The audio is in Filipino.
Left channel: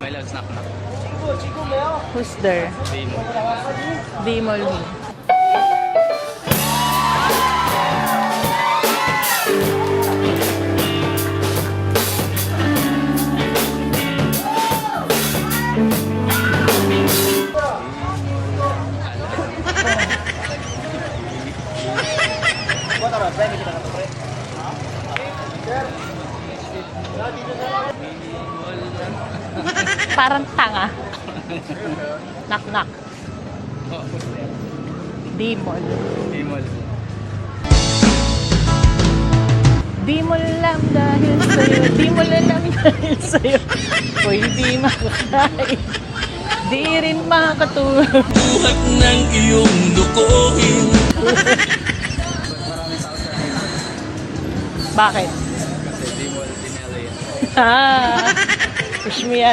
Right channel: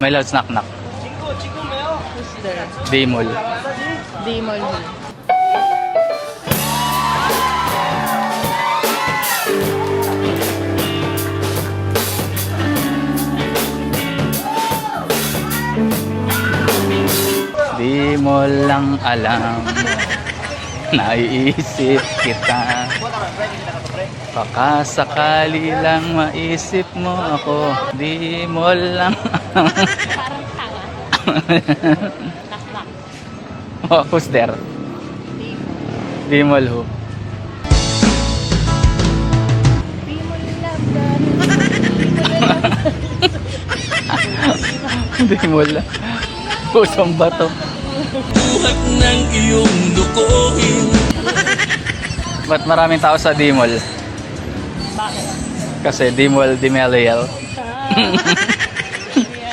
My loves knock knock. Who's there? Dimol. Dimol who? Di mo lang alam. Naiisip kita. Baka sakali lang maisip mo ako. Di mo lang Parang tanga. Knock knock. Oh, who's there? Dimol. Dimol who? Dimol lang dahil sa'yo. Dimol lang dahil sa'yo. Ako hindi na. Dimol lang. Pusang bato. Buhat ng iyong dukuhin. Ba't maraming tao sa Dimol? Bakit? Kasi Dimol, Dimeliel. Ah, push me yan.